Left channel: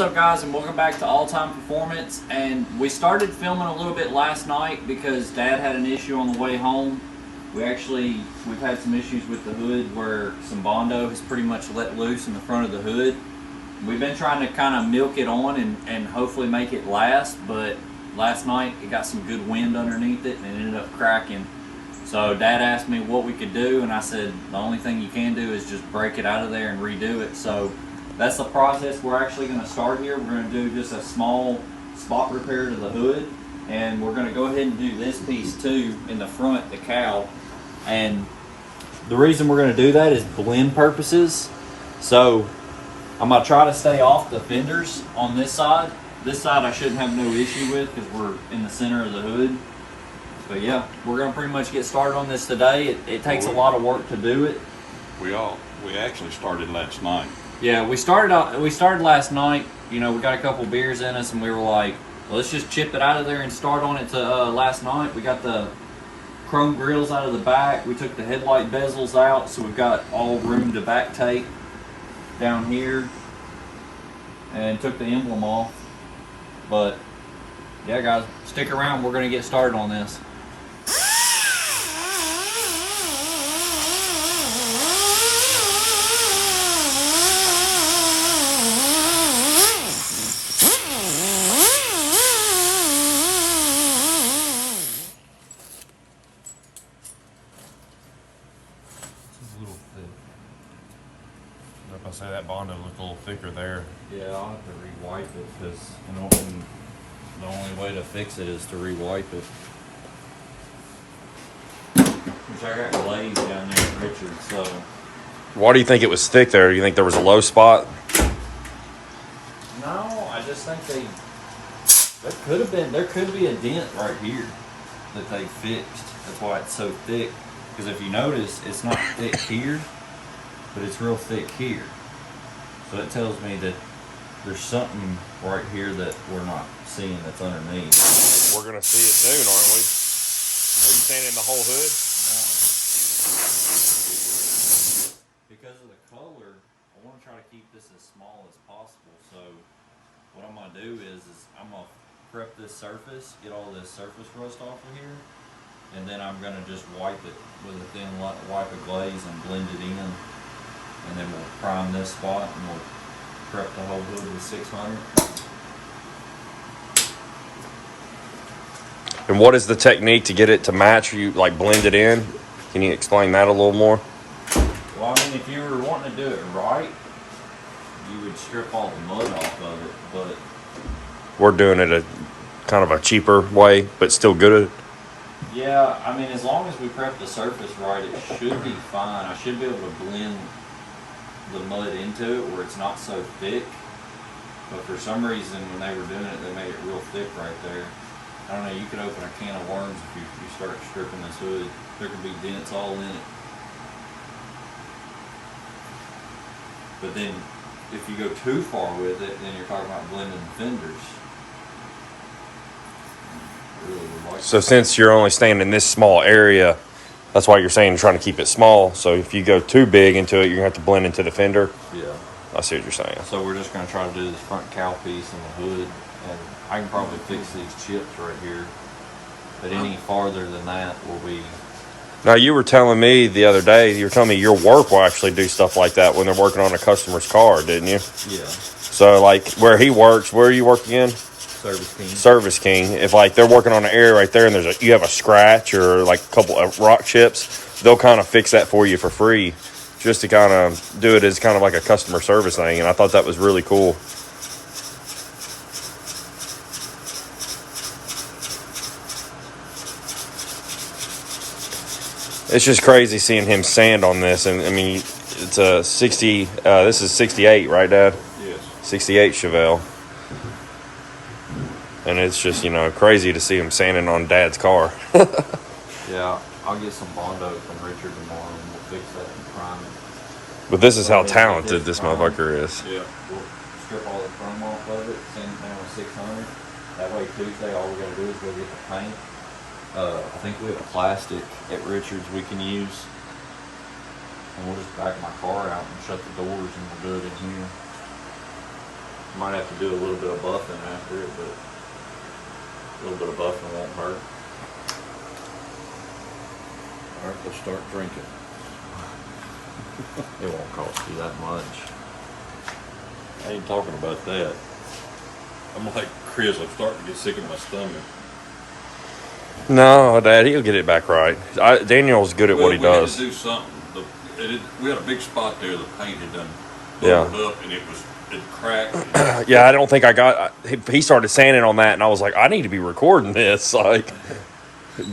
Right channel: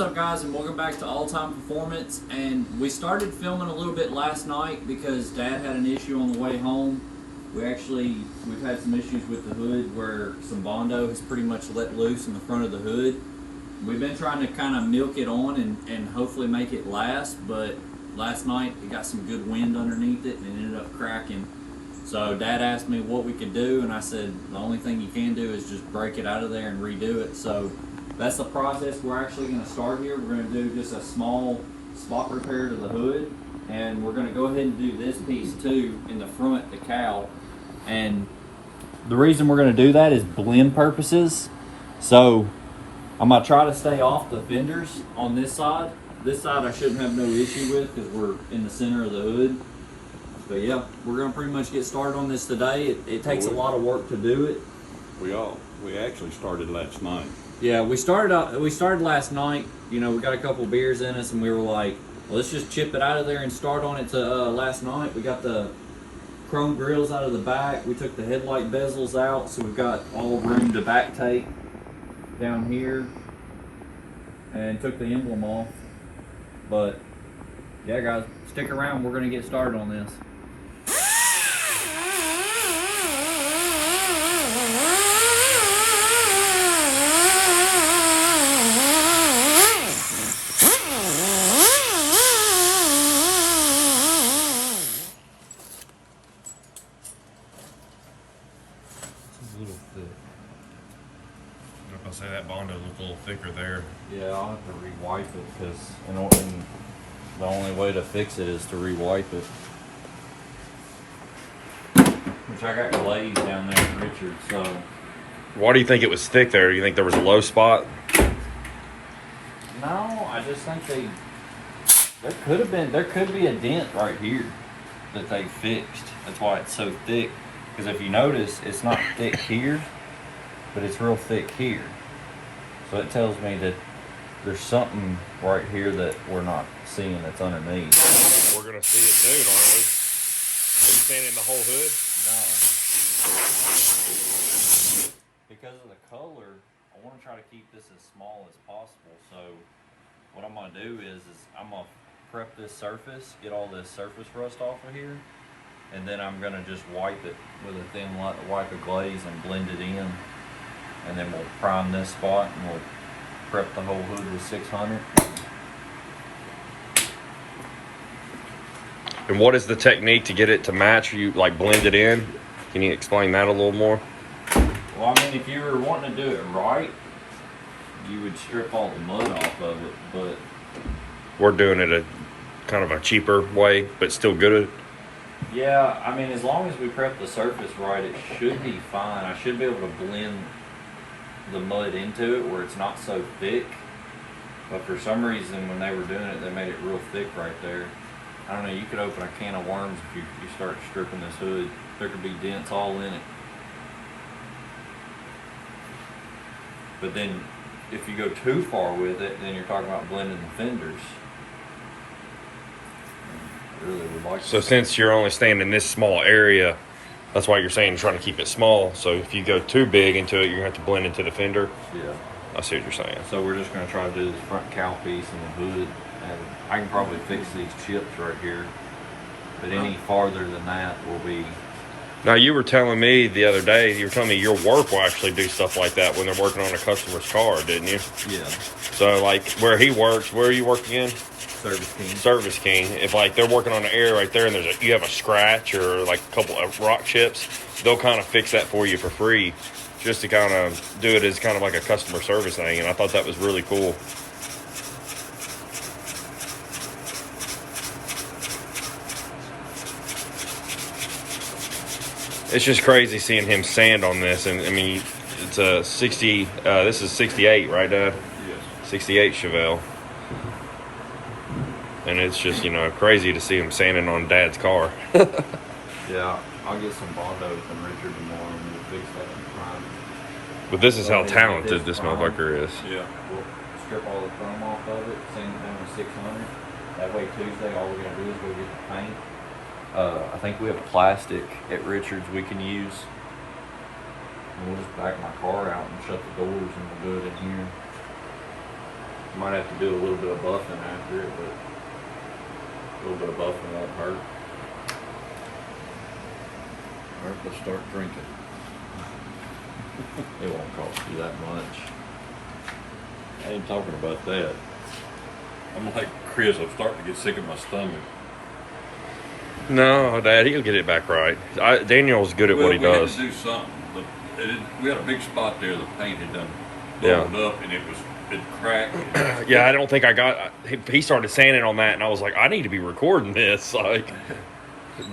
What's up, guys, and welcome back to All Time Performance. And we started filming a little bit last night because Dad had an issue on the way home. We've had some issues with the hood where some Bondo has pretty much let loose in the front of the hood. We've been trying to kind of milk it on and hopefully make it last, but last night it got some good wind underneath it and it ended up cracking. So Dad asked me what we could do, and I said the only thing you can do is just break it out of there and redo it. So that's the process we're actually going to start here. We're going to do just a small spot repair to the hood, and we're going to go ahead and do this piece too in the front, the cowl. And the reason we're going to do that is blend purposes. So I'm going to try to stay off the fenders on this side. This side I shouldn't have no issue with because we're in the center of the hood. But yeah, we're going to pretty much get started on this today. It takes a lot of work to do it. We actually started last night. Yeah, we started last night. You know, we got a couple beers in us, and we were like, well, let's just chip it out of there and start on it to last night. We got the chrome grills out of the back. We took the headlight bezels out, so we've got all room to back tape down here, and took the emblem off. But yeah, guys, stick around. We're going to get started on this. I'll say that Bondo looked a little thicker there. Yeah, I'll have to re-wipe it because the only way to fix it is to re-wipe it. Which I got glazed down there at Richard, so. Why do you think it was thick there? You think there was a low spot? No, I just think there could be a dent right here that they fixed. That's why it's so thick. Because if you notice, it's not thick here, but it's real thick here. So it tells me that there's something right here that we're not seeing that's underneath. We're gonna see it soon, aren't we? Are you saying in the whole hood? No. Because of the color, I want to try to keep this as small as possible. So what I'm gonna do is I'm gonna prep this surface, get all this surface rust off of here, and then I'm gonna just wipe it with a thin wipe of glaze and blend it in. And then we'll prime this spot and we'll prep the whole hood with 600. And what is the technique to get it to match? You like blend it in? Can you explain that a little more? Well, I mean, if you were wanting to do it right, you would strip all the mud off of it, but We're doing it a kind of a cheaper way, but still good. yeah, I mean, as long as we prep the surface right, it should be fine. I should be able to blend the mud into it where it's not so thick, but for some reason when they were doing it, they made it real thick right there. I don't know, you could open a can of worms if you start stripping this hood. There could be dents all in it. But then if you go too far with it, then you're talking about blending the fenders. I really would like So since you're only staying in this small area, that's why you're saying you're trying to keep it small. So if you go too big into it, you're gonna have to blend into the fender. Yeah. I see what you're saying. So we're just going to try to do this front cowl piece and the hood, and I can probably fix these chips right here, but any farther than that will be. Now you were telling me the other day, you were telling me your work will actually do stuff like that when they're working on a customer's car, didn't you? Yeah. So like where he works, where you work again? Service King. Service King. If like they're working on an area right there and you have a scratch or like a couple of rock chips, they'll kind of fix that for you for free, just to kind of do it as kind of like a customer service thing. And I thought that was really cool. It's just crazy seeing him sand on this. And I mean, it's a 60, this is 68, right, Dad? Yes. 68 Chevelle. And it's just, you know, crazy to see him sanding on Dad's car. Yeah, I'll get some Bondo from Richard tomorrow and we'll fix that and prime it. But this is how talented this motherfucker is. Yeah. We'll strip all the chrome off of it, sand it down with 600. That way Tuesday all we got to do is go get the paint. I think we have plastic at Richard's we can use. And we'll just back my car out and shut the doors and we'll do it in here. Might have to do a little bit of buffing after it, but a little bit of buffing won't hurt. Alright, we'll start drinking. It won't cost you that much. I ain't talking about that. I'm like Chris, I'm starting to get sick of my stomach. No, Dad, he'll get it back right. Daniel's good at what he does. We had to do something. We had a big spot there. The paint had done Yeah. bubbled up, and it cracked. Yeah, I don't think I got. He started sanding on that, and I was like, I need to be recording this. Like,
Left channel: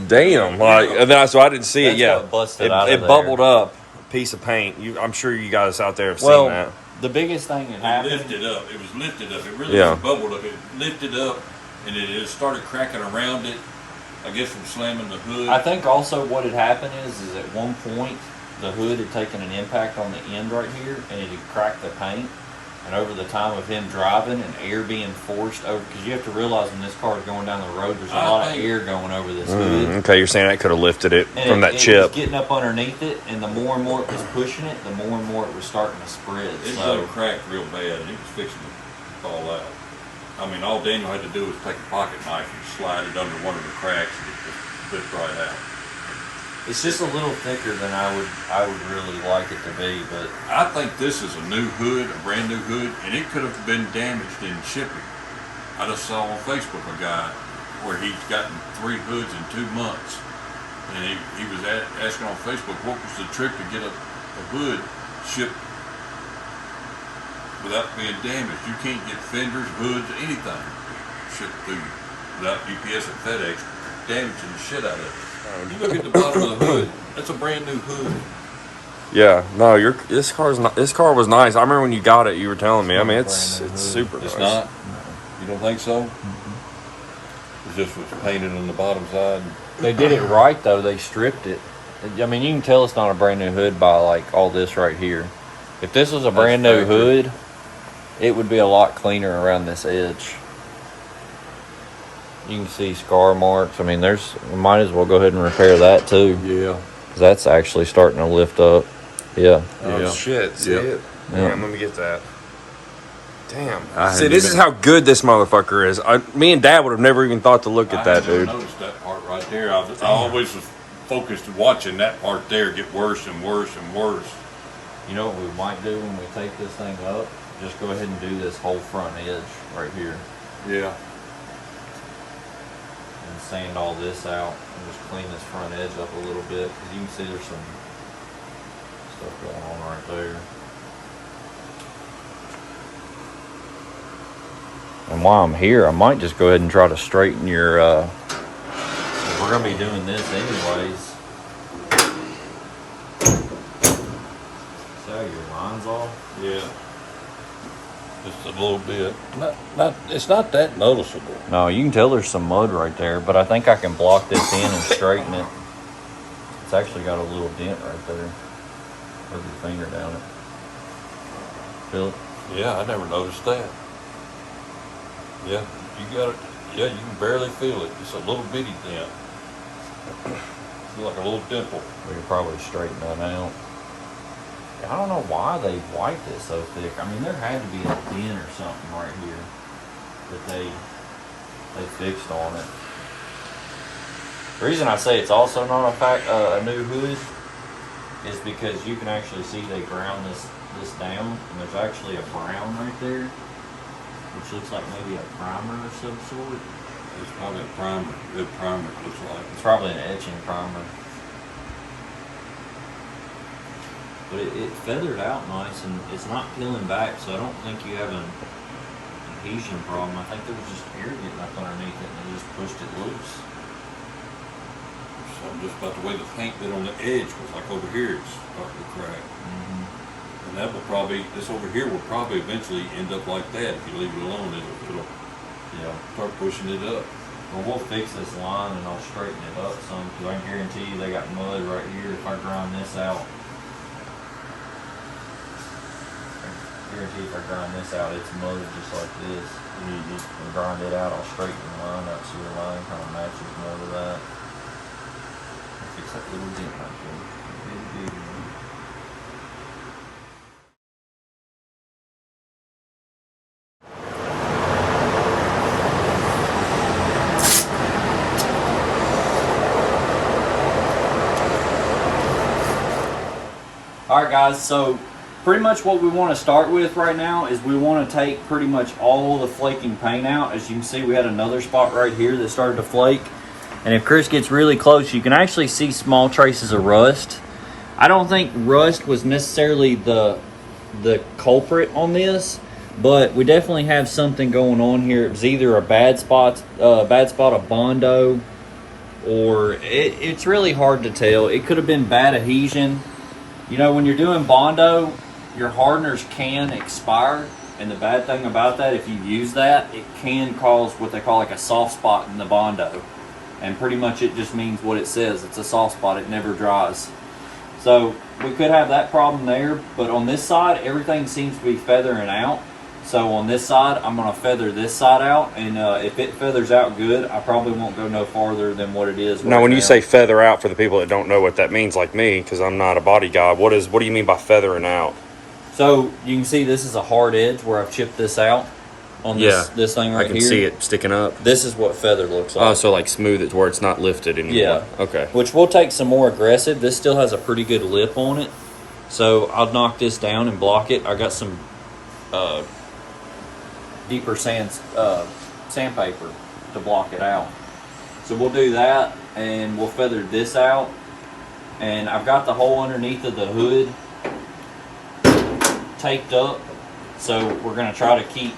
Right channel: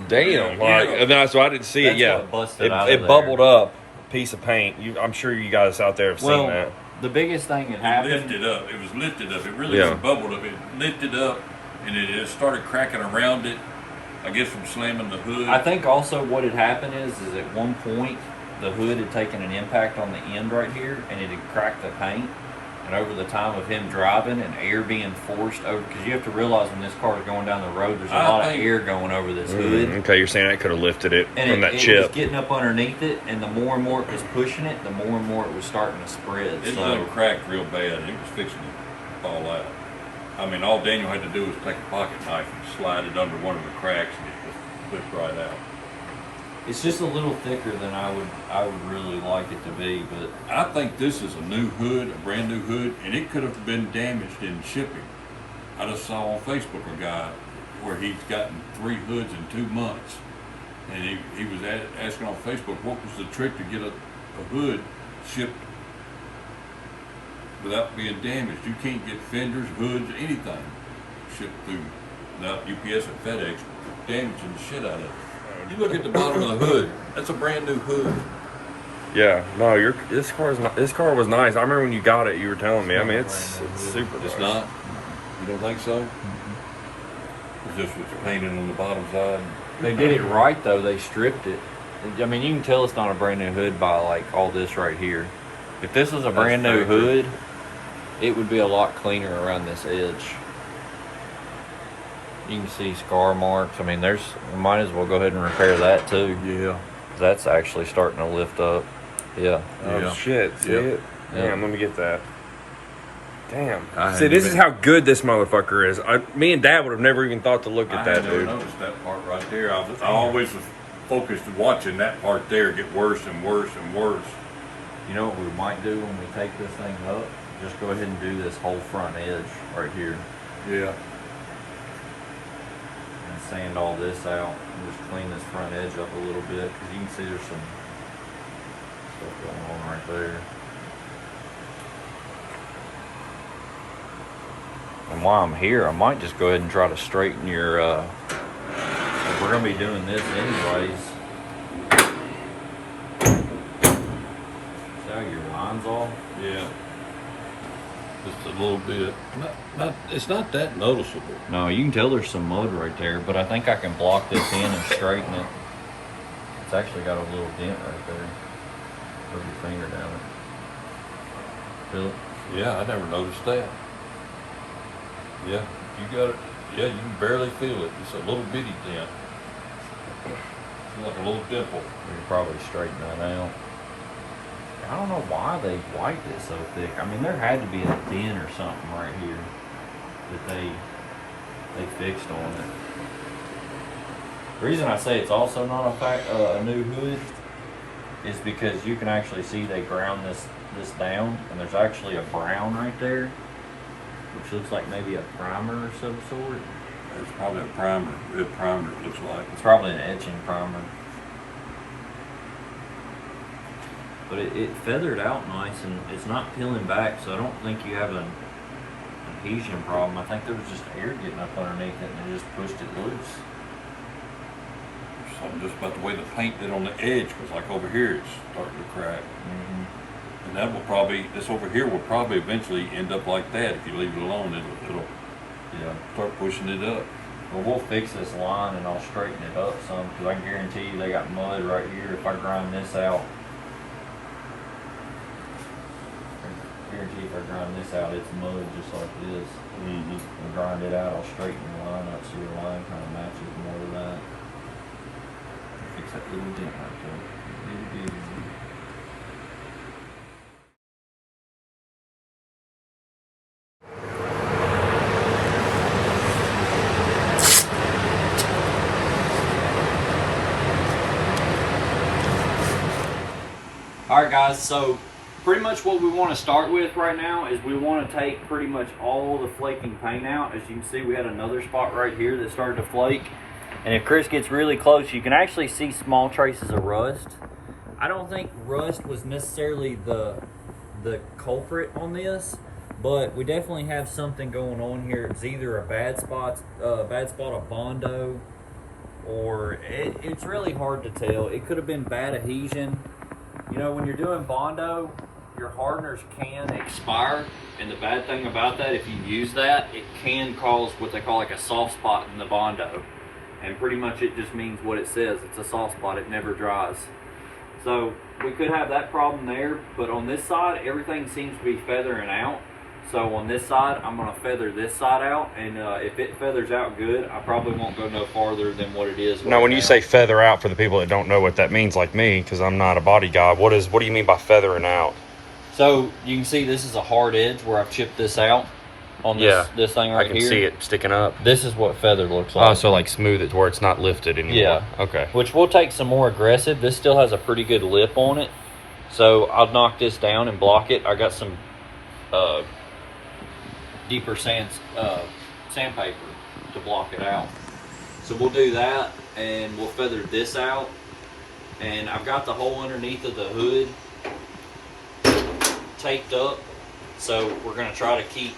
damn. Like, and then so I didn't see it. That's Yeah, what busted out of it there. bubbled up a piece of paint. I'm sure you guys out there have seen that. The biggest thing that It happened. lifted up. It was lifted up. It really Yeah. wasn't bubbled up. It lifted up, and it just started cracking around it. I guess from slamming the hood. I think also what had happened is at one point the hood had taken an impact on the end right here, and it had cracked the paint. And over the time of him driving and air being forced over, because you have to realize when this car is going down the road, there's a lot of air going over this hood. Okay, you're saying that could have lifted it And from that it chip. was getting up underneath it, and the more and more it was pushing it, the more and more it was starting to spread. It So really cracked real bad. It was fixing to fall out. I mean, all Daniel had to do was take a pocket knife and slide it under one of the cracks, and it just slipped right out. it's just a little thicker than I would really like it to be, but I think this is a new hood, a brand new hood, and it could have been damaged in shipping. I just saw on Facebook a guy where he's gotten 3 hoods in 2 months, and he was asking on Facebook what was the trip to get a hood shipped without being damaged. You can't get fenders, hoods, anything shipped through without UPS and FedEx damaging the shit out of it. You look at the bottom of the hood. That's a brand new hood. Yeah, no, this car was nice. I remember when you got it, you were telling me. I mean, it's super It's nice. not? You don't think so? It's just what's painted on the bottom side. they did it right though. They stripped it. I mean, you can tell it's not a brand new hood by like all this right here. If this was a brand new factory. hood, it would be a lot cleaner around this edge. You can see scar marks. I mean, we might as well go ahead and repair that too. Yeah. 'Cause that's actually starting to lift up. Yeah. Oh Yeah. shit! See Yeah. it? Yeah. Damn, let me get that. Damn. I See, hadn't this even- is how good this motherfucker is. Me and Dad would have never even thought to look at I that, hadn't even dude. noticed that part right there. I always was focused on watching that part there get worse and worse and worse. You know what we might do when we take this thing up? Just go ahead and do this whole front edge right here Yeah. and sand all this out and just clean this front edge up a little bit, because you can see there's some stuff going on right there. And while I'm here, I might just go ahead and try to straighten your, we're gonna be doing this anyways. See how your line's off? Yeah. Just a little bit. It's not that noticeable. No, you can tell there's some mud right there, but I think I can block this in and straighten it. It's actually got a little dent right there. Put your finger down it. Feel it? Yeah, I never noticed that. Yeah, you got it. Yeah, you can barely feel it. It's a little bitty dent. It's like a little dimple. We can probably straighten that out. I don't know why they wiped it so thick. I mean, there had to be a dent or something right here that they fixed on it. The reason I say it's also not a new hood is because you can actually see they ground this down, and there's actually a brown right there, which looks like maybe a primer of some sort. It's probably a primer. Good primer, it looks like. It's probably an etching primer. But it feathered out nice, and it's not peeling back, so I don't think you have an adhesion problem. I think there was just air getting up underneath it, and it just pushed it loose. Something just about the way the paint did on the edge was like over here, it's starting to crack. Mm-hmm. And that will probably, this over here will probably eventually end up like that if you leave it alone. It'll start pushing it up. Well, we'll fix this line, and I'll straighten it up some, because I guarantee you they got mud right here. If I grind this out, it's mud just like this. And grind it out, I'll straighten the line out so your line kind of matches more to that. Fix that little dent right there. Little bitty one. Alright guys, so pretty much what we want to start with right now is we want to take pretty much all the flaking paint out. As you can see, we had another spot right here that started to flake. And if Chris gets really close, you can actually see small traces of rust. I don't think rust was necessarily the culprit on this, but we definitely have something going on here. It's either a bad spot of Bondo, or it's really hard to tell. It could have been bad adhesion. You know, when you're doing Bondo, your hardeners can expire, and the bad thing about that, if you use that, it can cause what they call like a soft spot in the Bondo. And pretty much it just means what it says. It's a soft spot. It never dries. So we could have that problem there, but on this side, everything seems to be feathering out. So on this side, I'm going to feather this side out, and if it feathers out good, I probably won't go no farther than what it is. Now, when you say feather out, for the people that don't know what that means, like me, because I'm not a body guy, what do you mean by feathering out? So you can see this is a hard edge where I've chipped this out on this thing right here. I can see it sticking up. This is what feather looks like. Oh, so like smooth it to where it's not lifted anymore. Yeah. Okay. Which we'll take some more aggressive. This still has a pretty good lip on it. So I'll knock this down and block it. I got some deeper sandpaper to block it out. So we'll do that, and we'll feather this out. And I've got the hole underneath of the hood taped up. So we're going to try to keep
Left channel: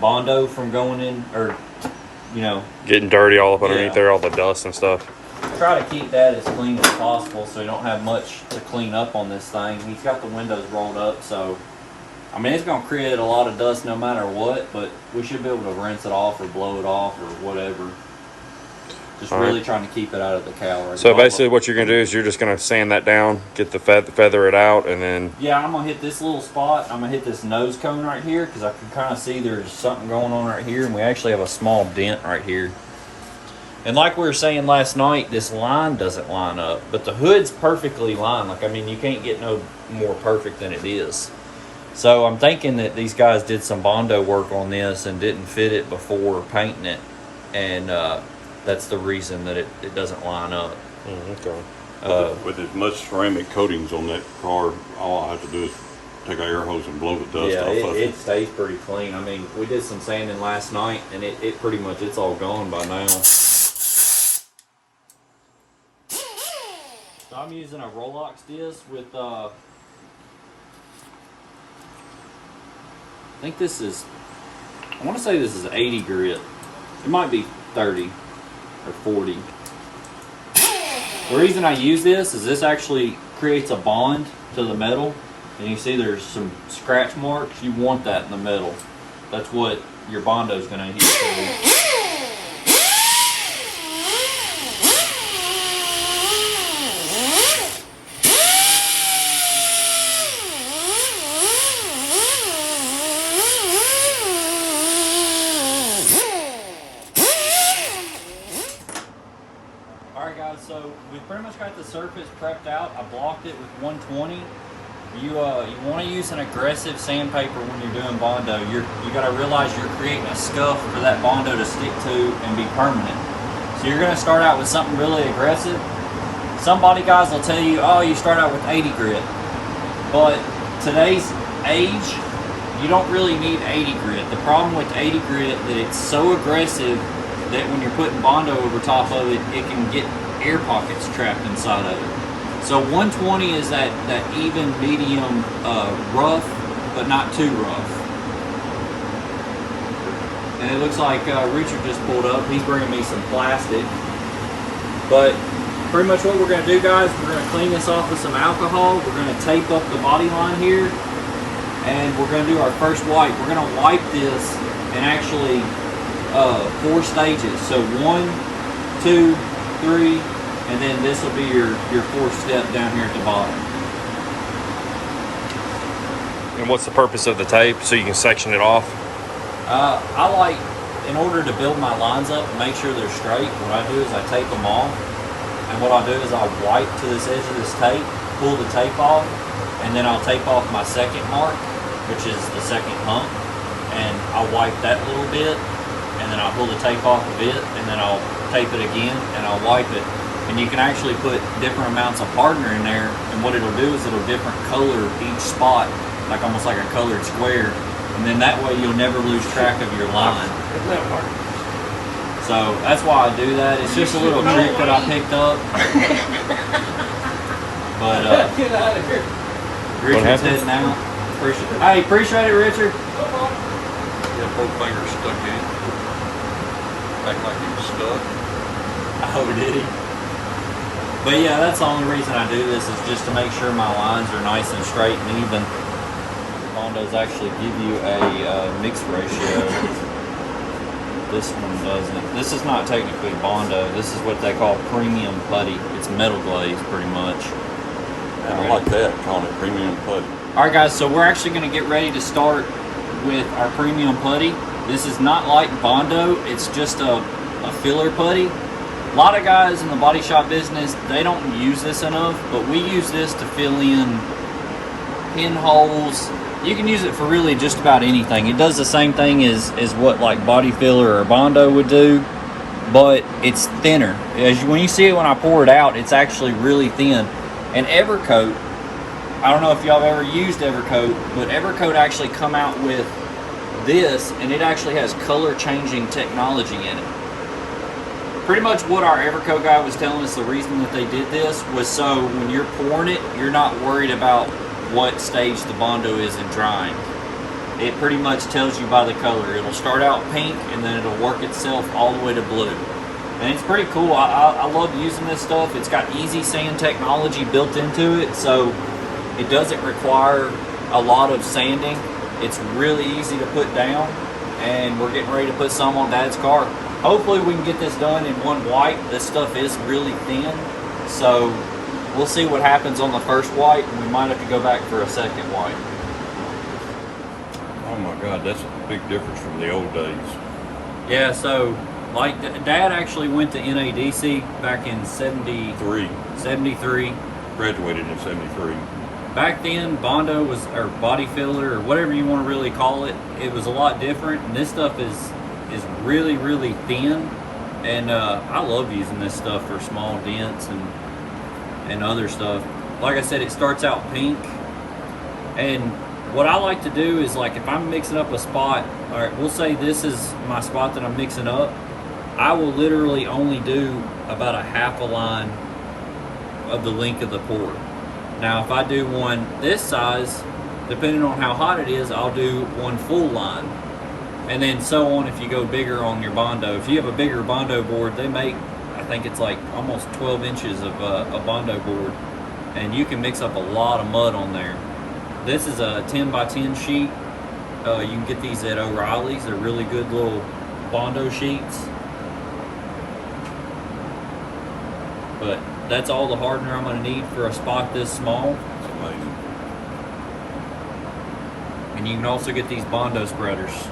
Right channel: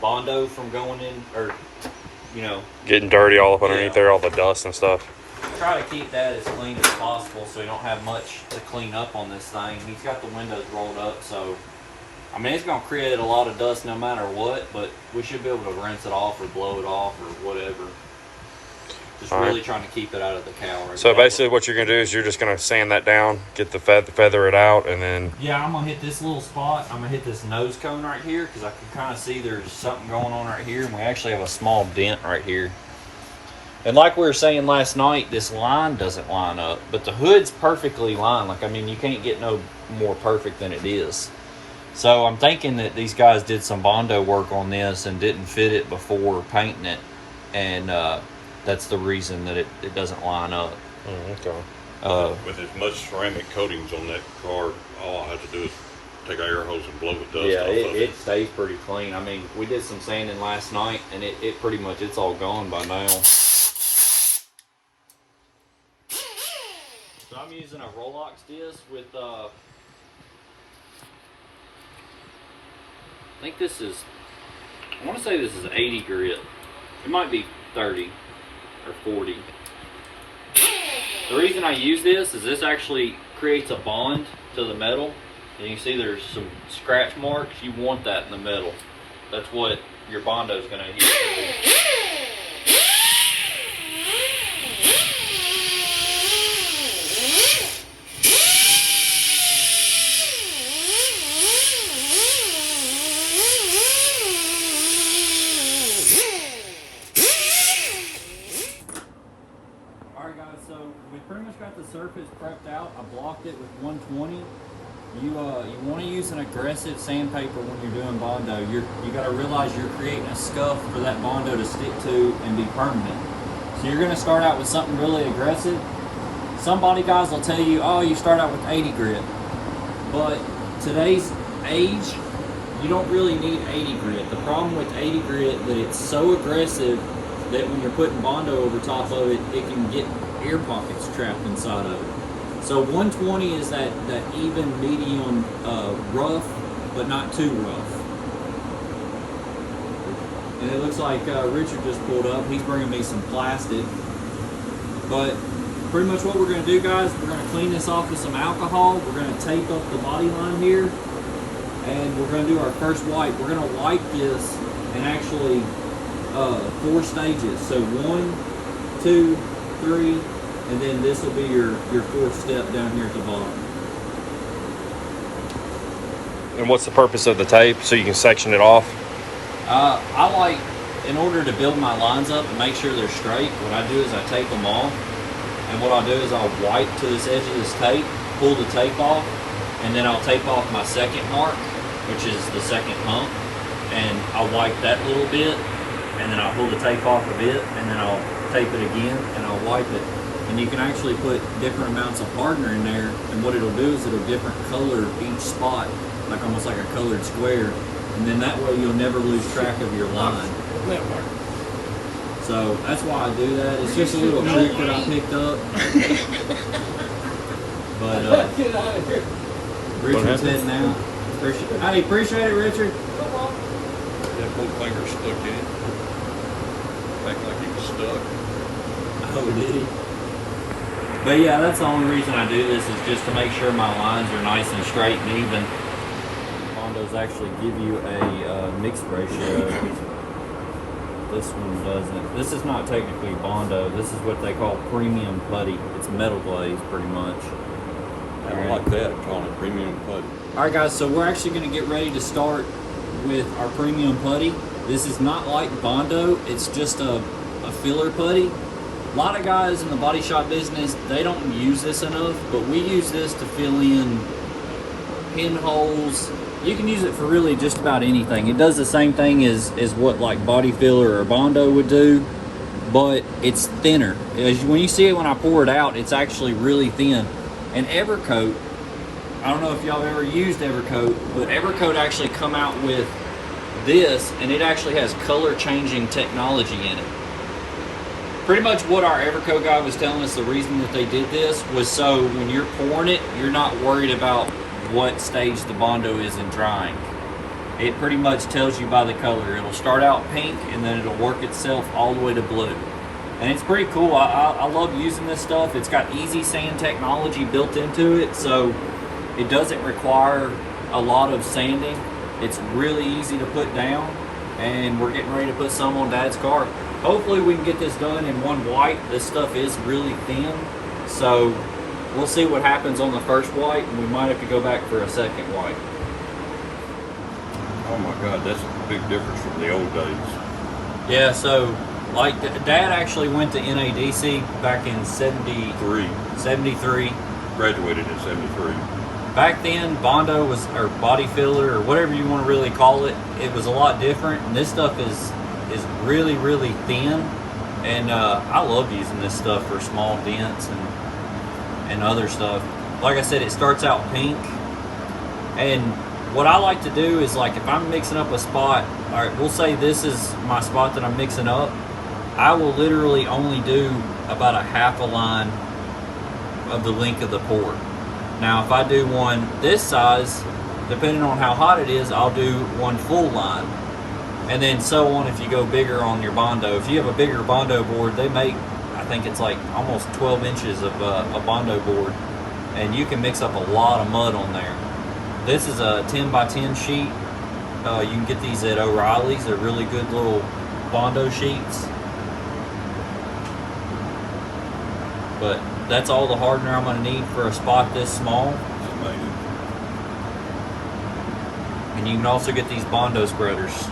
Bondo from going in, or, you know, getting dirty all up underneath there, all the dust and stuff. Try to keep that as clean as possible so you don't have much to clean up on this thing. He's got the windows rolled up, so I mean, it's going to create a lot of dust no matter what, but we should be able to rinse it off or blow it off or whatever. Just all really right. Trying to keep it out of the cow. So basically what you're going to do is you're just going to sand that down, get the feather it out, and then... Yeah, I'm going to hit this little spot. I'm going to hit this nose cone right here because I can kind of see there's something going on right here, and we actually have a small dent right here. And like we were saying last night, this line doesn't line up, but the hood's perfectly lined. Like, I mean, you can't get no more perfect than it is. So I'm thinking that these guys did some Bondo work on this and didn't fit it before painting it, and that's the reason that it doesn't line up. Okay. With as much ceramic coatings on that car, all I have to do is take an air hose and blow the dust Yeah, off of it stays pretty clean. I mean, we did some sanding last night, and it pretty much, it's all gone by now. So I'm using a Rolox disc with, I think this is, I want to say this is 80 grit. It might be 30 or 40. The reason I use this is this actually creates a bond to the metal. And you see there's some scratch marks. You want that in the metal. That's what your Bondo is going to adhere to. Alright guys, so we pretty much got the surface prepped out. I blocked it with 120. You want to use an aggressive sandpaper when you're doing Bondo. You got to realize you're creating a scuff for that Bondo to stick to and be permanent. So you're going to start out with something really aggressive. Some body guys will tell you, oh, you start out with 80 grit. But today's age, you don't really need 80 grit. The problem with 80 grit that it's so aggressive that when you're putting Bondo over top of it, it can get air pockets trapped inside of it. So 120 is that even medium rough, but not too rough. And it looks like Richard just pulled up. He's bringing me some plastic. But pretty much what we're going to do, guys, we're going to clean this off with some alcohol. We're going to tape up the body line here. And we're going to do our first wipe. We're going to wipe this in actually 4 stages. So 1, 2, 3, and then this will be your 4th step down here at the bottom. And what's the purpose of the tape? So you can section it off? I like, in order to build my lines up and make sure they're straight, what I do is I tape them off. And what I'll do is I'll wipe to this edge of this tape, pull the tape off, and then I'll tape off my second mark, which is the second hump. And I'll wipe that little bit, and then I'll pull the tape off of it, and then I'll tape it again, and I'll wipe it. and you can actually put different amounts of hardener in there, and what it'll do is it'll different color each spot, like almost like a colored square, and then that way you'll never lose track of your line. So that's why I do that. It's just a little trick that I picked up. But Richard's heading out. Hey, appreciate it, Richard. Yeah, both fingers stuck in. Act like he was stuck. Oh, did he? But yeah, that's the only reason I do this, is just to make sure my lines are nice and straight and even. Bondos actually give you a mix ratio. This one doesn't. This is not technically Bondo. This is what they call premium putty. It's metal glaze pretty much. I don't like that, calling it premium putty. Alright guys, so we're actually going to get ready to start with our premium putty. This is not like Bondo, it's just a filler putty. A lot of guys in the body shop business, they don't use this enough, but we use this to fill in pinholes. You can use it for really just about anything. It does the same thing as what like body filler or Bondo would do, but it's thinner. When you see it when I pour it out, it's actually really thin. And Evercoat, I don't know if y'all have ever used Evercoat, but Evercoat actually come out with this, and it actually has color changing technology in it. Pretty much what our Evercoat guy was telling us, the reason that they did this was so when you're pouring it, you're not worried about what stage the Bondo is in drying. It pretty much tells you by the color. It'll start out pink and then it'll work itself all the way to blue. And it's pretty cool. I love using this stuff. It's got easy sand technology built into it, so it doesn't require a lot of sanding. It's really easy to put down, and we're getting ready to put some on Dad's car. Hopefully we can get this done in one wipe. This stuff is really thin, so we'll see what happens on the first wipe, and we might have to go back for a second wipe. Oh my God, that's a big difference from the old days. Yeah, so like Dad actually went to NADC back in 73. Graduated in 73. Back then, Bondo was, or body filler, or whatever you want to really call it, it was a lot different, and this stuff is really, really thin, and I love using this stuff for small dents and other stuff. Like I said, it starts out pink, and what I like to do is, like, if I'm mixing up a spot, all right, we'll say this is my spot that I'm mixing up, I will literally only do about a half a line of the length of the pour. Now, if I do one this size, depending on how hot it is, I'll do one full line. And then so on if you go bigger on your Bondo. If you have a bigger Bondo board, they make, I think it's like almost 12 inches of a Bondo board. And you can mix up a lot of mud on there. This is a 10 by 10 sheet. You can get these at O'Reilly's. They're really good little Bondo sheets. But that's all the hardener I'm going to need for a spot this small. It's amazing. And you can also get these Bondo spreaders.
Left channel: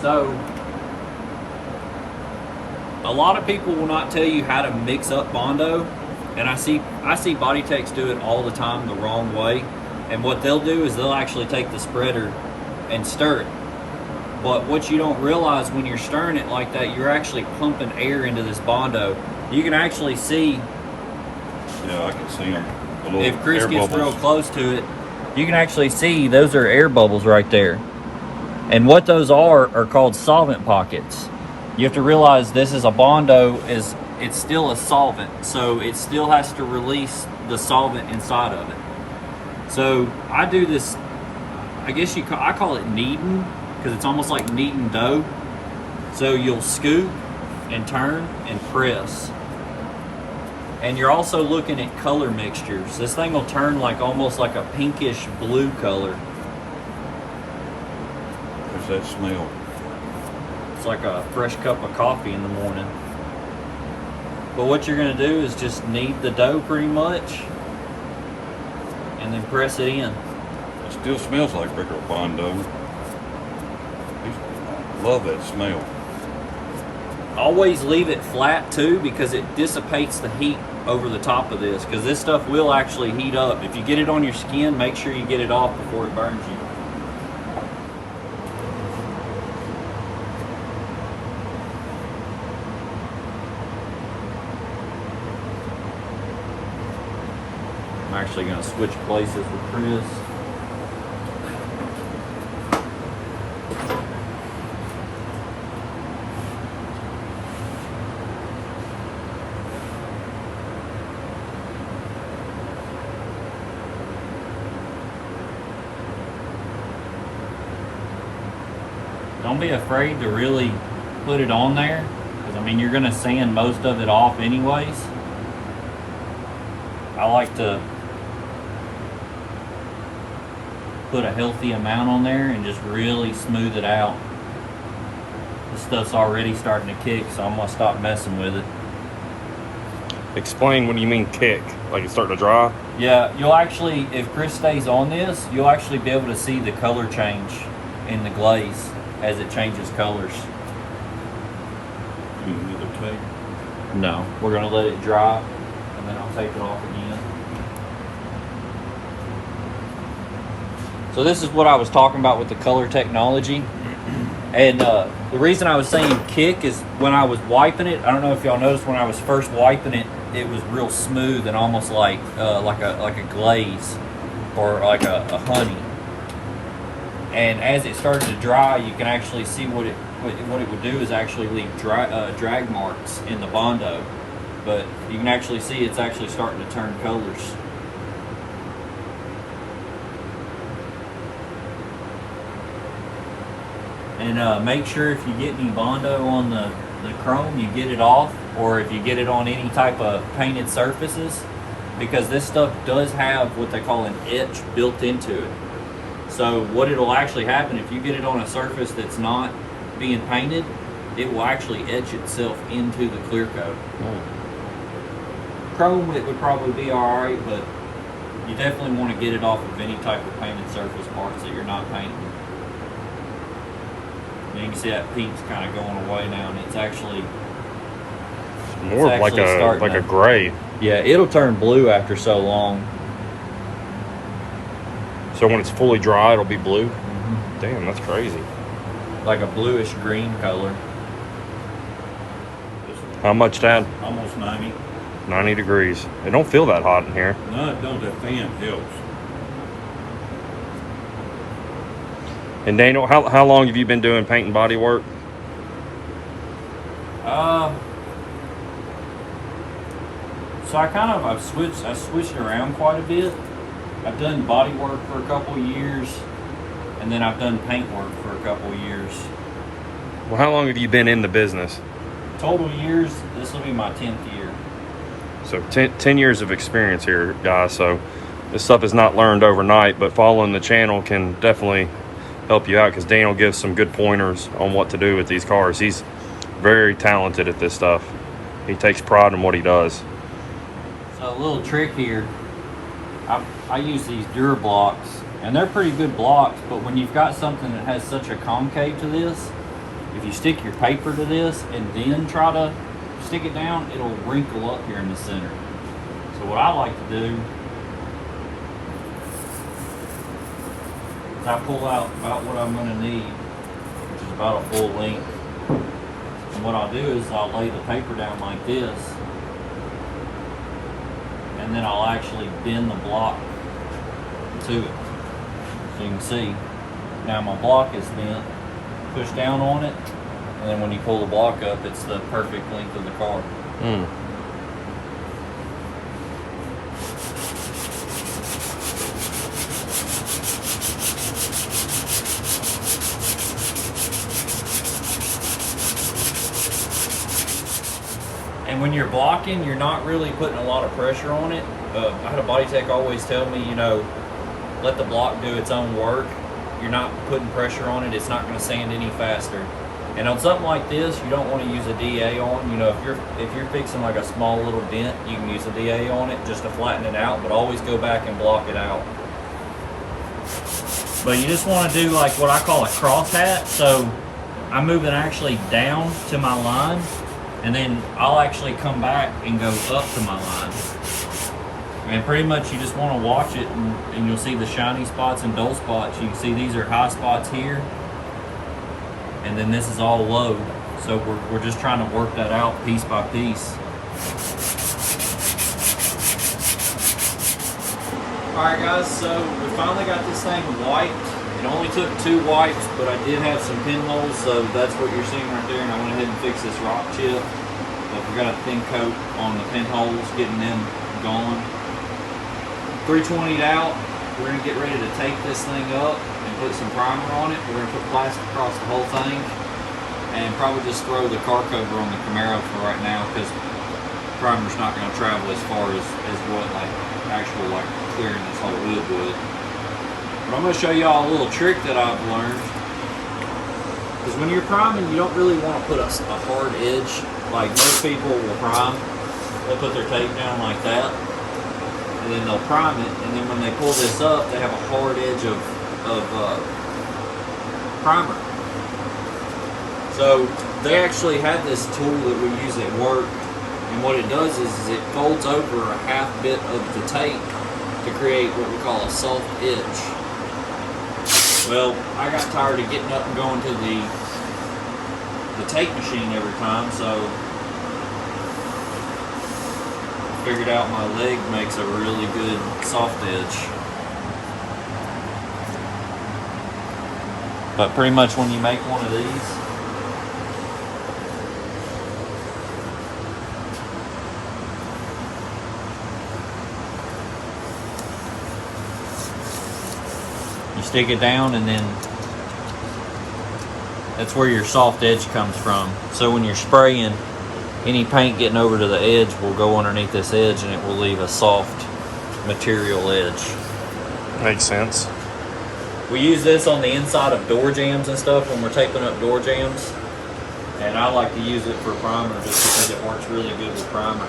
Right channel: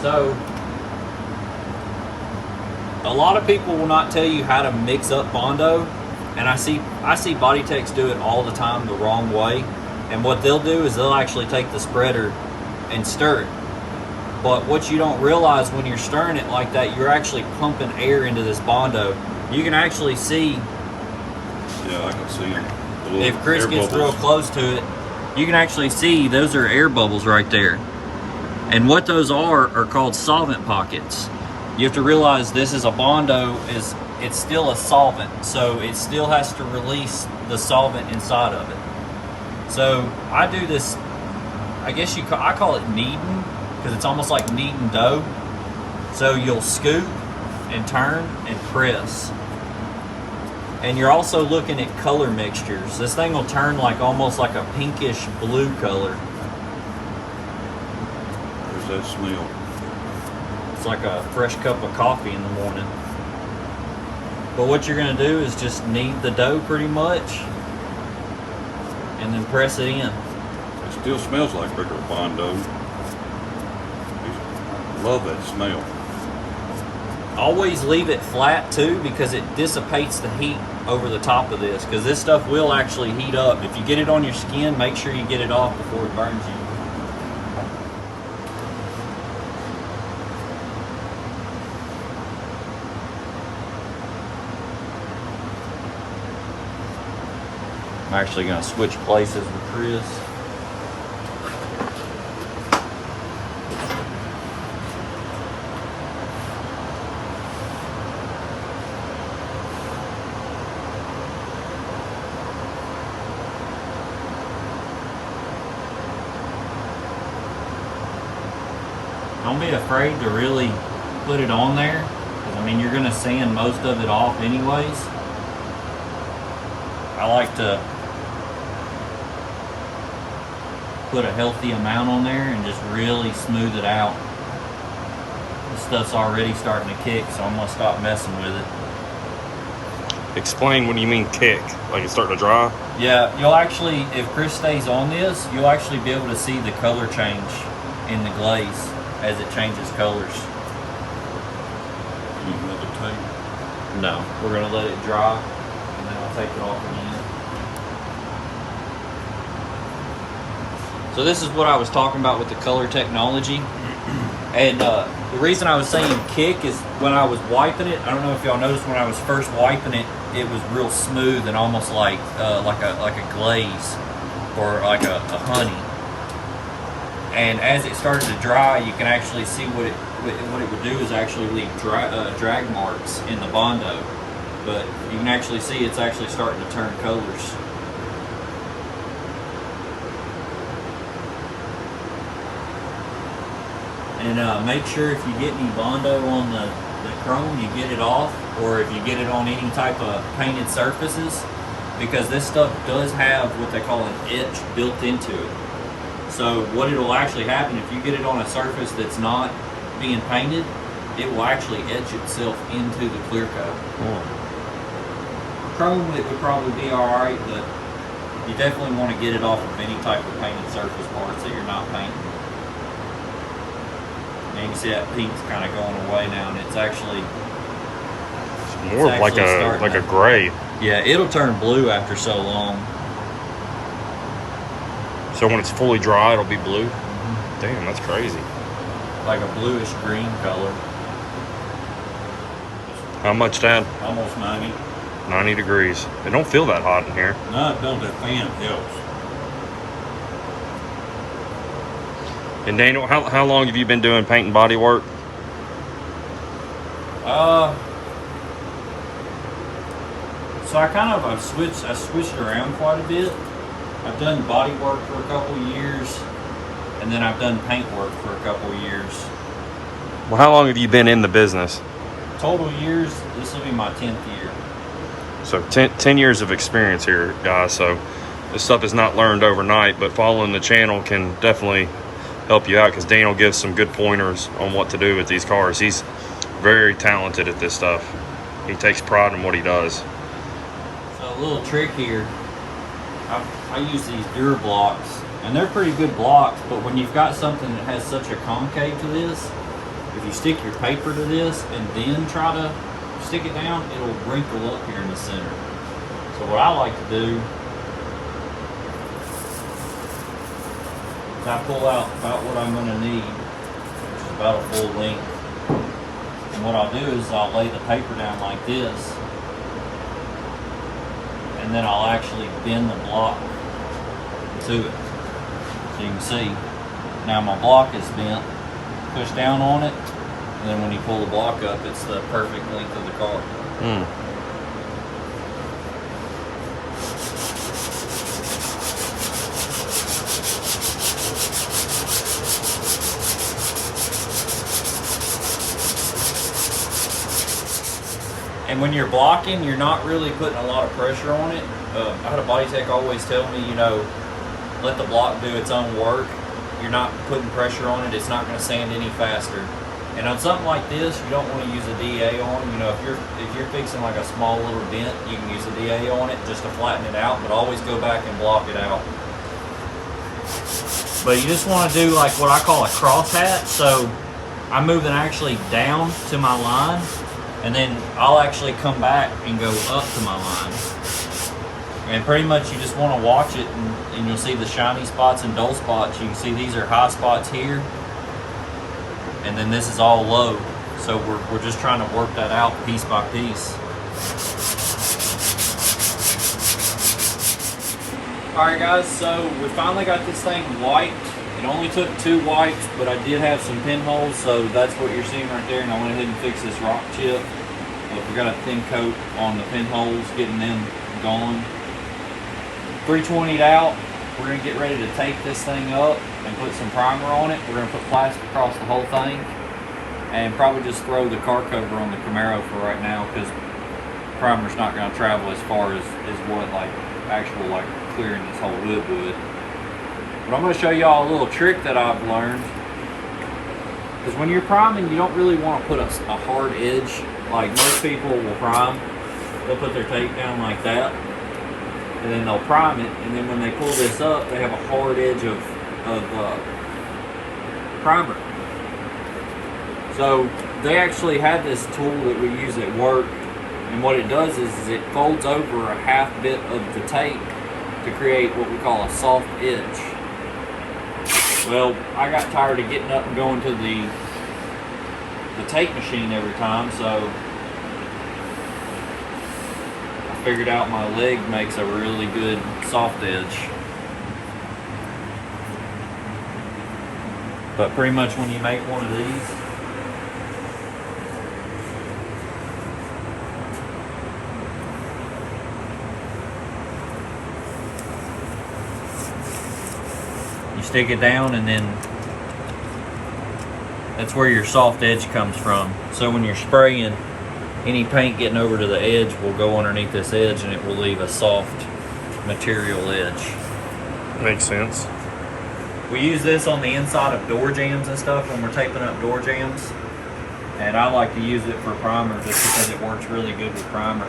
So, a lot of people will not tell you how to mix up Bondo, and I see body techs do it all the time the wrong way. And what they'll do is they'll actually take the spreader and stir it. But what you don't realize when you're stirring it like that, you're actually pumping air into this Bondo. You can actually see, Yeah, I can see them. if Chris gets real close to it, you can actually see those are air bubbles right there. And what those are called solvent pockets. You have to realize this is a Bondo, it's still a solvent, so it still has to release the solvent inside of it. So I do this, I guess I call it kneading, because it's almost like kneading dough. So you'll scoop and turn and press. And you're also looking at color mixtures. This thing will turn like almost like a pinkish blue color. There's that smell. It's like a fresh cup of coffee in the morning. But what you're going to do is just knead the dough pretty much and then press it in. It still smells like regular Bondo. Love that smell. Always leave it flat too, because it dissipates the heat over the top of this, because this stuff will actually heat up. If you get it on your skin, make sure you get it off before it burns you. actually going to switch places with Chris. Don't be afraid to really put it on there, because I mean you're going to sand most of it off anyways. I like to put a healthy amount on there and just really smooth it out. This stuff's already starting to kick, so I'm going to stop messing with it. Explain, what do you mean kick? Like it's starting to dry? Yeah, you'll actually, if Chris stays on this, you'll actually be able to see the color change in the glaze as it changes colors. Use another tape. No, we're going to let it dry and then I'll take it off again. So this is what I was talking about with the color technology. And the reason I was saying kick is when I was wiping it, I don't know if y'all noticed when I was first wiping it, it was real smooth and almost like a glaze or like a honey. And as it started to dry, you can actually see what it would do is actually leave drag marks in the Bondo. But you can actually see it's actually starting to turn colors. And make sure if you get any Bondo on the chrome, you get it off, or if you get it on any type of painted surfaces, because this stuff does have what they call an etch built into it. So what it'll actually happen if you get it on a surface that's not being painted, it will actually etch itself into the clear coat. Chrome, it would probably be alright, but you definitely want to get it off of any type of painted surface parts that you're not painting. And you can see that pink's kind of going away now, and it's actually more of like a gray. Yeah, it'll turn blue after so long. So when it's fully dry, it'll be blue. Damn, that's crazy. Like a bluish green color. How much, Dad? Almost 90. 90 degrees. It don't feel that hot in here. No, it don't. That fan helps. And Daniel, how long have you been doing paint and body work? So I switched around quite a bit. I've done body work for a couple of years, and then I've done paint work for a couple of years. Well, how long have you been in the business? Total years, this will be my 10th year. So 10 years of experience here, guys. So this stuff is not learned overnight, but following the channel can definitely help you out, because Daniel gives some good pointers on what to do with these cars. He's very talented at this stuff. He takes pride in what he does. So a little trick here, I use these Durablocks, and they're pretty good blocks, but when you've got something that has such a concave to this, if you stick your paper to this and then try to stick it down, it'll wrinkle up here in the center. So what I like to do is I pull out about what I'm going to need, which is about a full length. And what I'll do is I'll lay the paper down like this, and then I'll actually bend the block to it. So you can see, now my block is bent, push down on it, and then when you pull the block up, it's the perfect length of the car. And when you're blocking, you're not really putting a lot of pressure on it. I had a body tech always tell me, you know, let the block do its own work. You're not putting pressure on it, it's not going to sand any faster. And on something like this, you don't want to use a DA on. You know, if you're fixing like a small little dent, you can use a DA on it just to flatten it out, but always go back and block it out. But you just want to do like what I call a cross hat. So I'm moving actually down to my line, and then I'll actually come back and go up to my line. And pretty much you just want to watch it, and you'll see the shiny spots and dull spots. You can see these are high spots here, and then this is all low. So we're just trying to work that out piece by piece. Alright guys, so we finally got this thing wiped. It only took 2 wipes, but I did have some pinholes, so that's what you're seeing right there, and I went ahead and fixed this rock chip. We got a thin coat on the pinholes, getting them gone. 320'd out. We're going to get ready to tape this thing up and put some primer on it. We're going to put plastic across the whole thing and probably just throw the car cover on the Camaro for right now, because primer's not going to travel as far as what like actual like clearing this whole hood would. But I'm going to show y'all a little trick that I've learned, because when you're priming, you don't really want to put a hard edge. Like most people will prime, they'll put their tape down like that, and then they'll prime it, and then when they pull this up, they have a hard edge of primer. So they actually had this tool that we use at work, and what it does is it folds over a half bit of the tape to create what we call a soft edge. Well, I got tired of getting up and going to the tape machine every time, so I figured out my leg makes a really good soft edge. But pretty much when you make one of these, you stick it down, and then that's where your soft edge comes from. So when you're spraying, any paint getting over to the edge will go underneath this edge, and it will leave a soft material edge. Makes sense. We use this on the inside of door jambs and stuff when we're taping up door jambs. And I like to use it for primer just because it works really good with primer.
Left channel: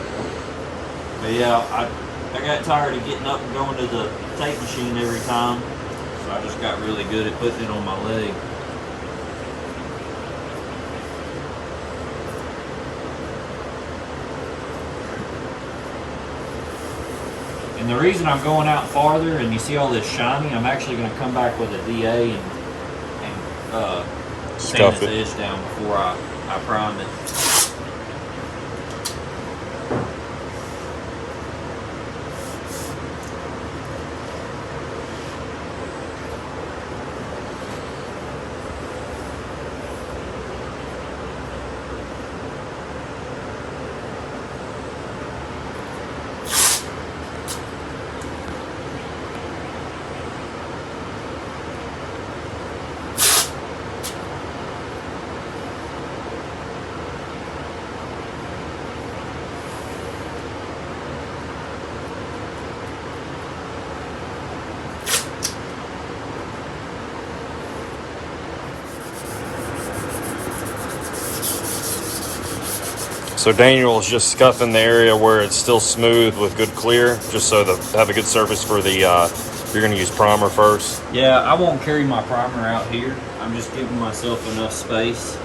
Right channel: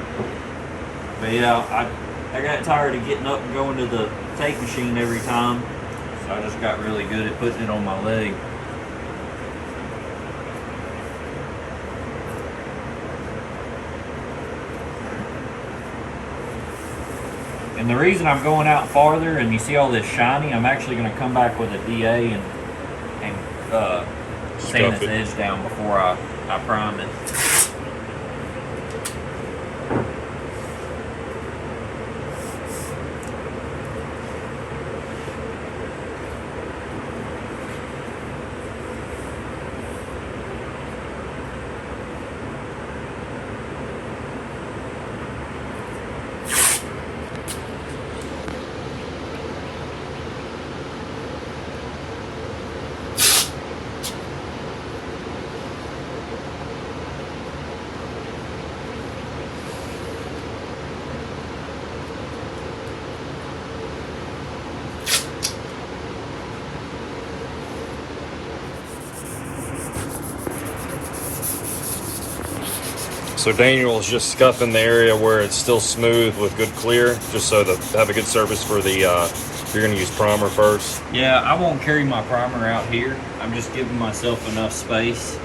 But yeah, I got tired of getting up and going to the tape machine every time. So I just got really good at putting it on my leg. And the reason I'm going out farther and you see all this shiny, I'm actually going to come back with a DA and sand this edge down before I prime it. So Daniel is just scuffing the area where it's still smooth with good clear, just so to have a good surface for the, you're going to use primer first. Yeah, I won't carry my primer out here. I'm just giving myself enough space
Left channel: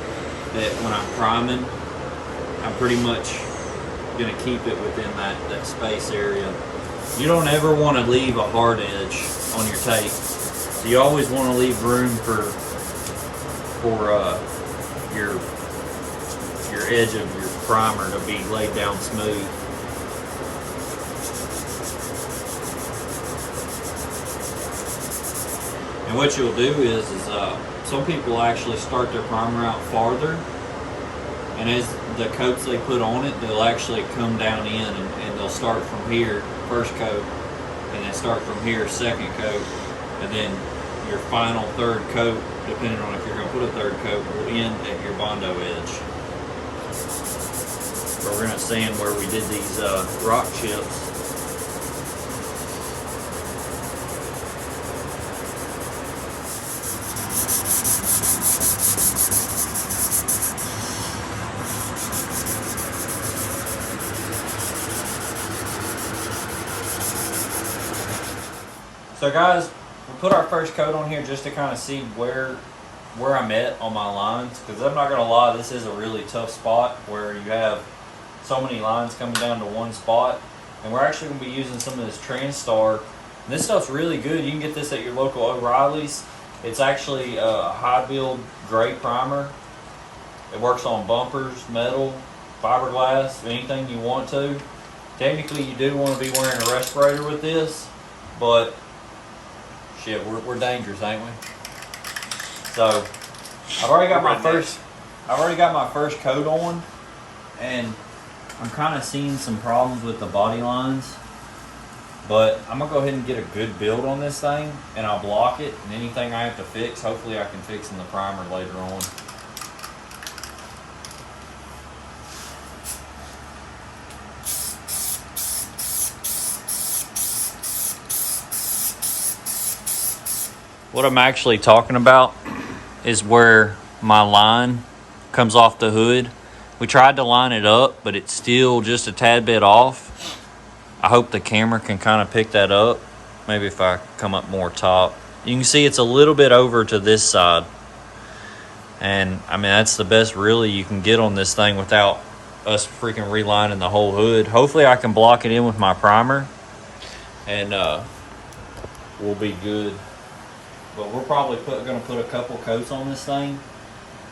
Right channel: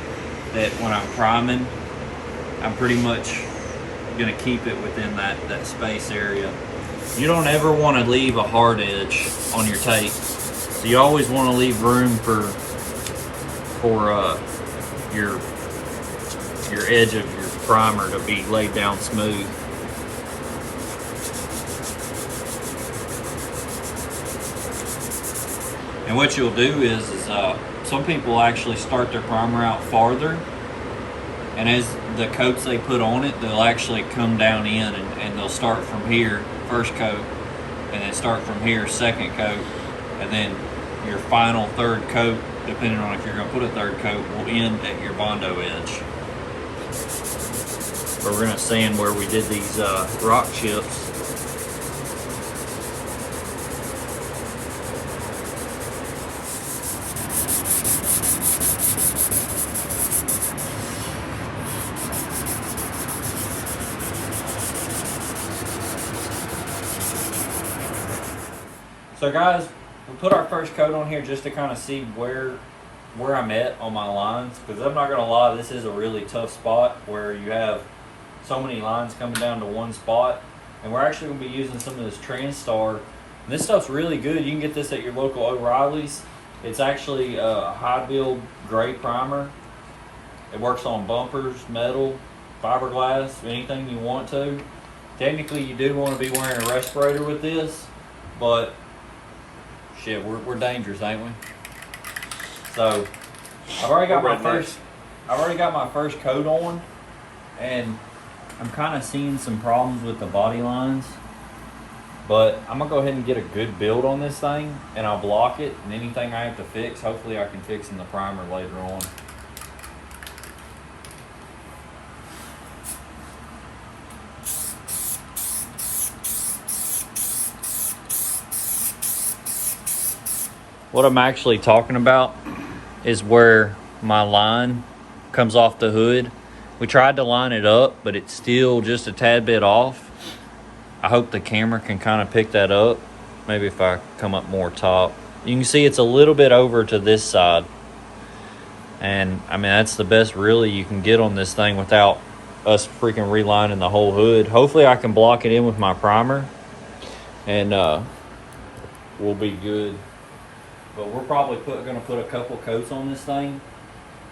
that when I'm priming, I'm pretty much going to keep it within that space area. You don't ever want to leave a hard edge on your tape. So you always want to leave room for your edge of your primer to be laid down smooth. And what you'll do is some people actually start their primer out farther, and as the coats they put on it, they'll actually come down in and they'll start from here, first coat, and then start from here, second coat, and then your final third coat, depending on if you're going to put a third coat, will end at your Bondo edge. But we're going to sand where we did these rock chips. So guys, we put our first coat on here just to kind of see where I'm at on my lines, because I'm not going to lie, this is a really tough spot where you have so many lines coming down to one spot. And we're actually going to be using some of this Transtar. And this stuff's really good. You can get this at your local O'Reilly's. It's actually a high build gray primer. It works on bumpers, metal, fiberglass, anything you want to. Technically you do want to be wearing a respirator with this, but shit, we're dangerous, ain't we? So I've already got my first coat on, and I'm kind of seeing some problems with the body lines. But I'm gonna go ahead and get a good build on this thing, and I'll block it, and anything I have to fix, hopefully I can fix in the primer later on. What I'm actually talking about is where my line comes off the hood. We tried to line it up, but it's still just a tad bit off. I hope the camera can kind of pick that up. Maybe if I come up more top. You can see it's a little bit over to this side. And I mean, that's the best really you can get on this thing without us freaking relining the whole hood. Hopefully I can block it in with my primer, and we'll be good. But we're probably going to put a couple coats on this thing,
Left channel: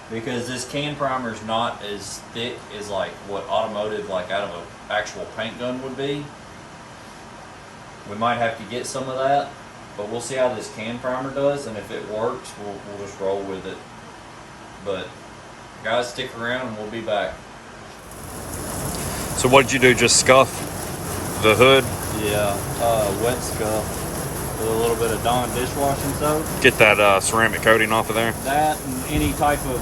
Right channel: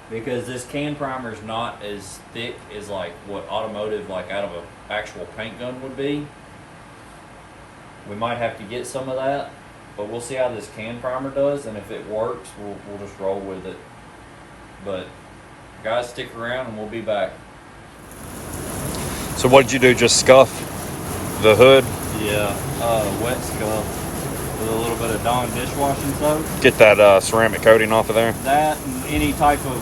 because this can primer is not as thick as like what automotive, like out of an actual paint gun would be. We might have to get some of that, but we'll see how this can primer does, and if it works, we'll just roll with it. But guys, stick around and we'll be back. So what did you do? Just scuff the hood? Yeah, wet scuff with a little bit of Dawn dishwashing soap. Get that ceramic coating off of there? That and any type of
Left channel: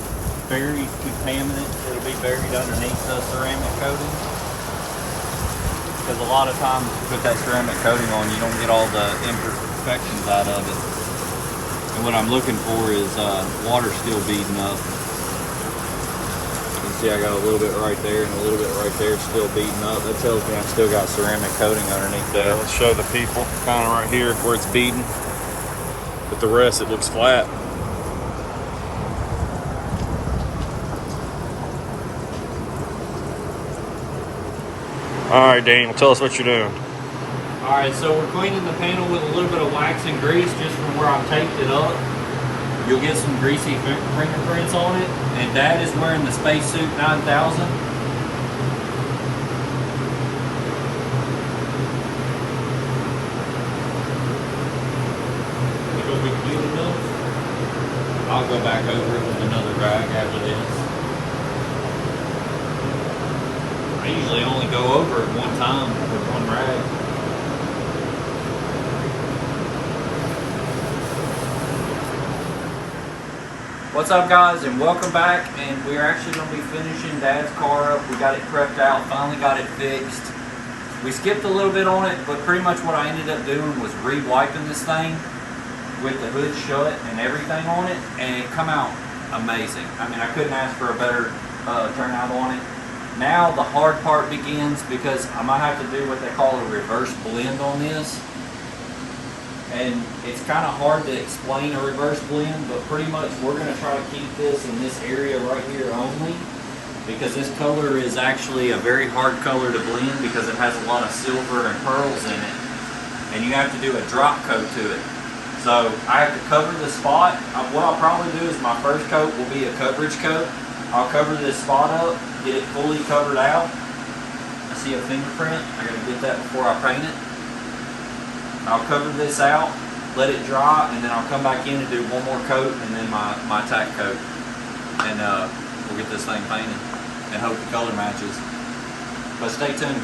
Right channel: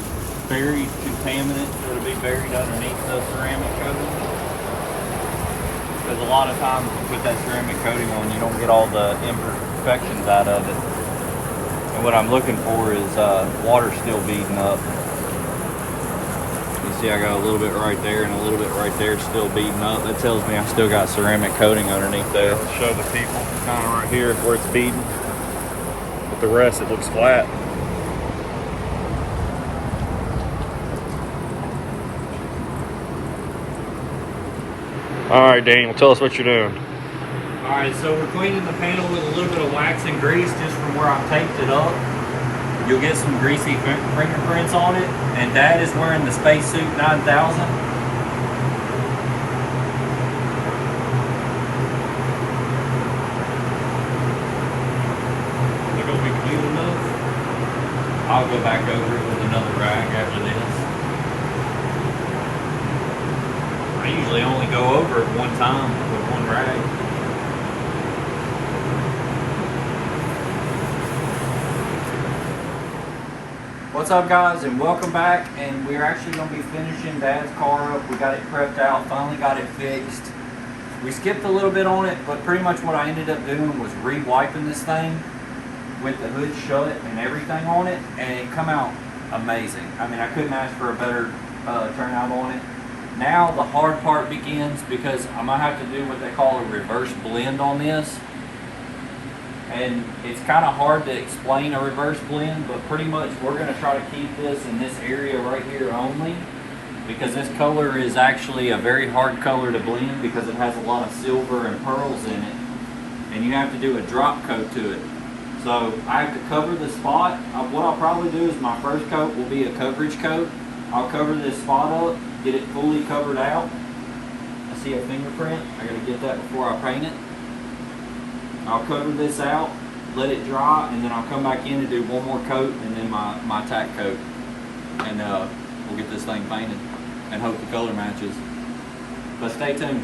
buried contaminant that'll be buried underneath the ceramic coating. Because a lot of times you put that ceramic coating on, you don't get all the imperfections out of it. And what I'm looking for is water still beading up. You see I got a little bit right there and a little bit right there still beading up. That tells me I've still got ceramic coating underneath there. Let's show the people kind of right here where it's beading. But the rest, it looks flat. All right, Daniel, tell us what you're doing. All right, so we're cleaning the panel with a little bit of wax and grease just from where I've taped it up. You'll get some greasy fingerprints on it, and Dad is wearing the Spacesuit 9000. Is it gonna be clean enough? I'll go back over it with another rag after this. I usually only go over it one time with one rag. What's up, guys, and welcome back. And we're actually going to be finishing Dad's car up. We got it prepped out, finally got it fixed. We skipped a little bit on it, but pretty much what I ended up doing was re-wiping this thing with the hood shut and everything on it, and it come out amazing. I mean, I couldn't ask for a better turnout on it. Now the hard part begins, because I might have to do what they call a reverse blend on this. And it's kind of hard to explain a reverse blend, but pretty much we're going to try to keep this in this area right here only, because this color is actually a very hard color to blend because it has a lot of silver and pearls in it, and you have to do a drop coat to it. So I have to cover the spot. What I'll probably do is my first coat will be a coverage coat. I'll cover this spot up, get it fully covered out. I see a fingerprint. I got to get that before I paint it. I'll cover this out, let it dry, and then I'll come back in and do one more coat, and then my tack coat. And we'll get this thing painted and hope the color matches. But stay tuned.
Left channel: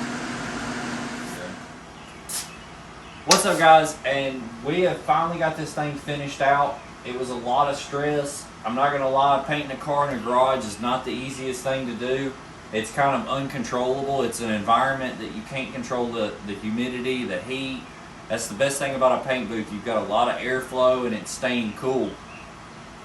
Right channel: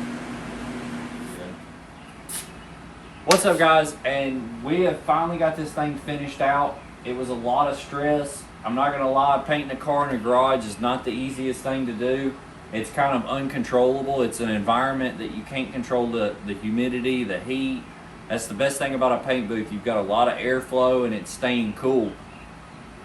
What's up, guys? And we have finally got this thing finished out. It was a lot of stress. I'm not gonna lie, painting a car in a garage is not the easiest thing to do. It's kind of uncontrollable. It's an environment that you can't control the humidity, the heat. That's the best thing about a paint booth. You've got a lot of airflow and it's staying cool.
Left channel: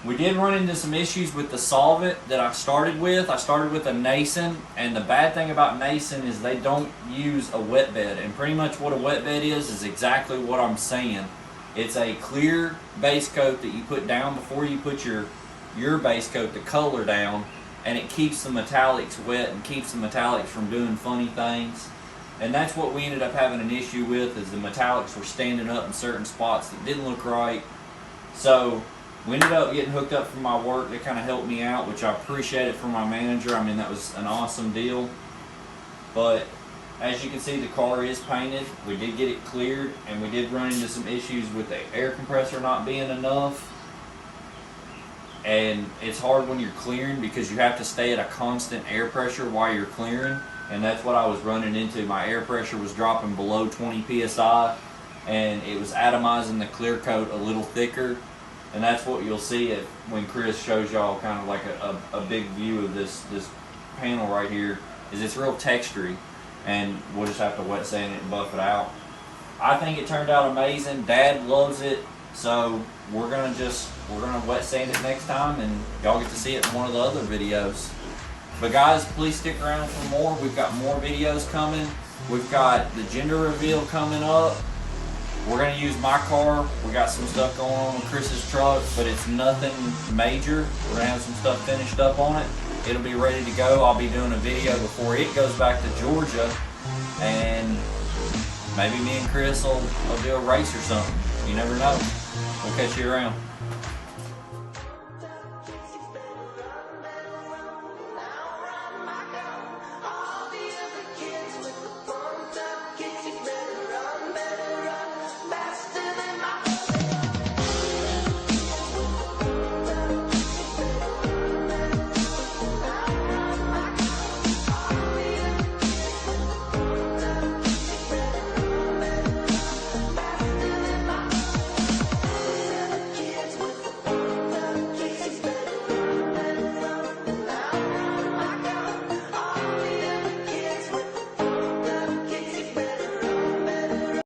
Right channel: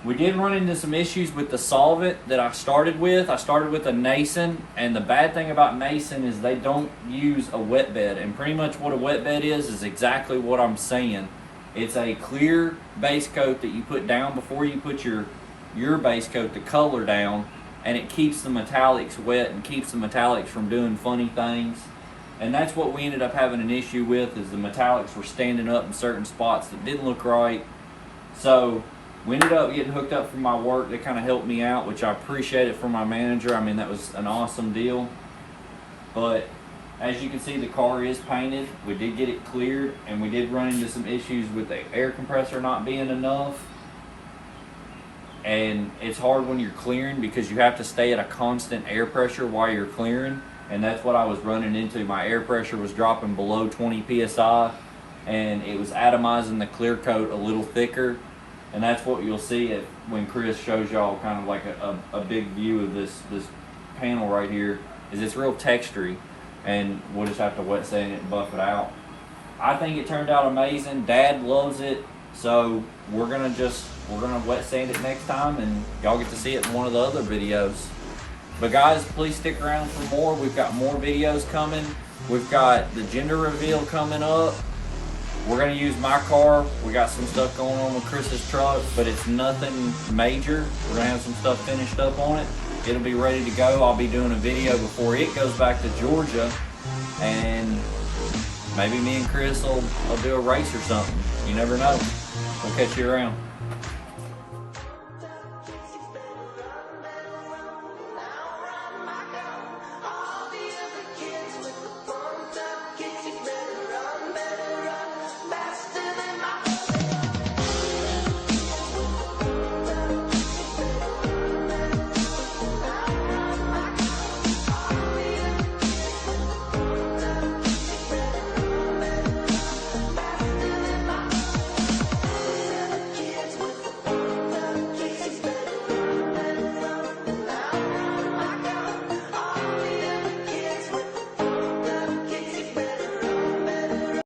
We did run into some issues with the solvent that I started with. I started with a Nason, and the bad thing about Nason is they don't use a wet bed. And pretty much what a wet bed is exactly what I'm saying. It's a clear base coat that you put down before you put your base coat, the color down, and it keeps the metallics wet and keeps the metallics from doing funny things. And that's what we ended up having an issue with, is the metallics were standing up in certain spots that didn't look right. So we ended up getting hooked up from my work. They kind of helped me out, which I appreciate it from my manager. I mean, that was an awesome deal. But as you can see, the car is painted. We did get it cleared, and we did run into some issues with the air compressor not being enough. And it's hard when you're clearing because you have to stay at a constant air pressure while you're clearing, and that's what I was running into. My air pressure was dropping below 20 psi, and it was atomizing the clear coat a little thicker, and that's what you'll see when Chris shows y'all kind of like a big view of this panel right here. Is it's real textury, and we'll just have to wet sand it and buff it out. I think it turned out amazing. Dad loves it, so we're gonna wet sand it next time, and y'all get to see it in one of the other videos. But guys, please stick around for more. We've got more videos coming. We've got the gender reveal coming up. We're gonna use my car. We got some stuff going on with Chris's truck, but it's nothing major. We're gonna have some stuff finished up on it. It'll be ready to go. I'll be doing a video before it goes back to Georgia, and maybe me and Chris will do a race or something. You never know. We'll catch you around.